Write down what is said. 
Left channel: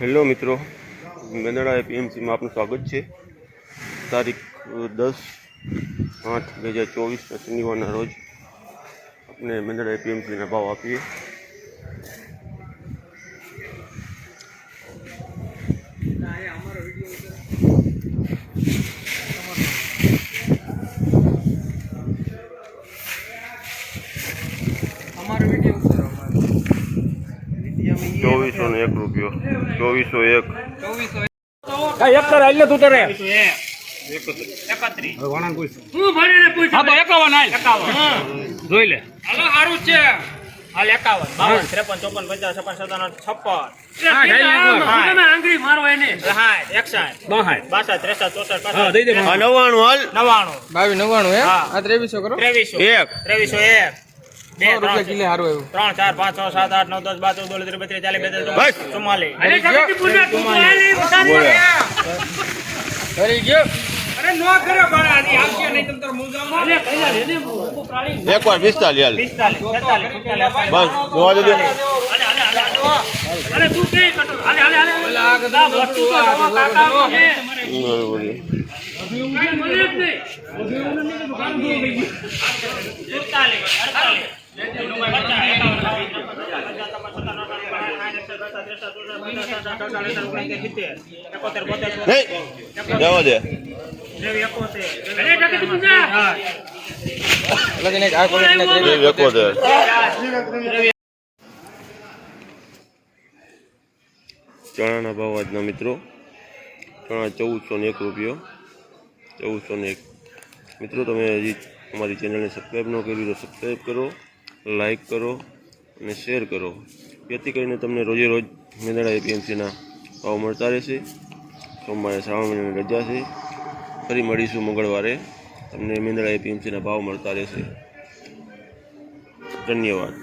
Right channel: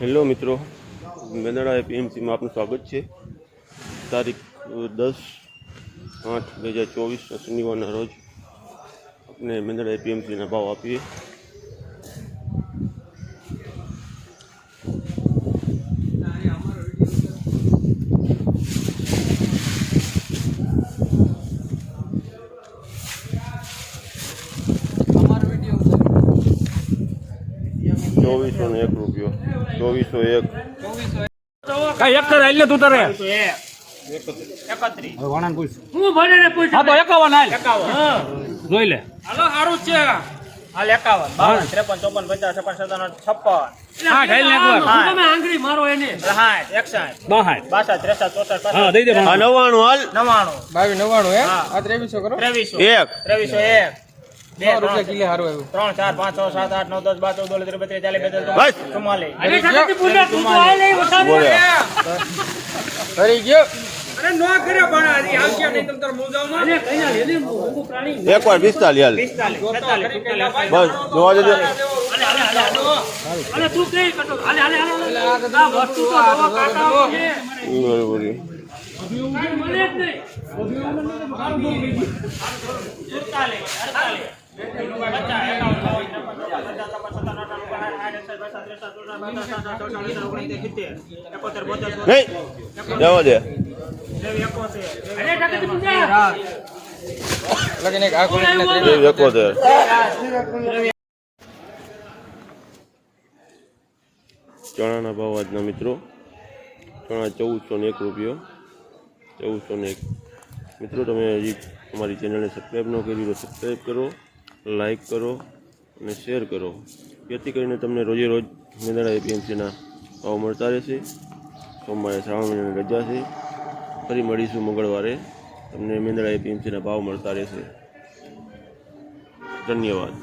Hello મિત્રો, મેંદરડા એપીએમસીમાં આપનું સ્વાગત છે। તારીખ 10/8/2024 શનિવારના રોજ આપણે મેંદરડા એપીએમસીના ભાવ આપીએ। ₹2401 ₹2401 એક કર આલ્યો તું તારે 31 વણાન પૂછ હું ભણે ને પૂછ હા તો 51 હાલ 51 હા જોઈ લે હાલો સારું છે હાલ 51 52 53 54 55 56 હા ઢાઈ નાખો તમે આંગળી મારો એને 60 61 62 63 હા દઈ દે 99 હાલ 99 22 હે હા આ 2300 કરો 2301 રૂપિયા કિલે હારું આવ્યું 3 4 5 6 7 8 9 10 12 13 32 બસ 44 અરે સગતી પૂજા તું આય લઈ ઉતારી ફરી ગયો અરે નો કરે બાળા આજી આવશે નહીં તમ તાર મુજામાં અરે પહેલા લે હું પ્રાણી એકવાર 45 હાલ 45 બસ જોવા દેજો। અરે તું કે કટો હાલે હાલે હાલે ના વસ્તુ તો દવા કાકા છે મને જ નહીં 47 જવા દે લગન એક આ કોલે 71 ચણાના ભાવ આજના મિત્રો, ચણા ₹1401 1401। મિત્રો તમે હજી અમારી ચેનલને સબસ્ક્રાઈબ ન કરી તો સબસ્ક્રાઈબ કરો, લાઈક કરો અને શેર કરો, જેથી કરીને તમને રોજે રોજ મેંદરડા એપીએમસીના ભાવ મળતા રહેશે। સોમવારે શ્રાવણ મહિનાની રજા છે, ફરી મળીશું મંગળવારે, તમને મેંદરડા એપીએમસીના ભાવ મળતા રહેશે। ધન્યવાદ।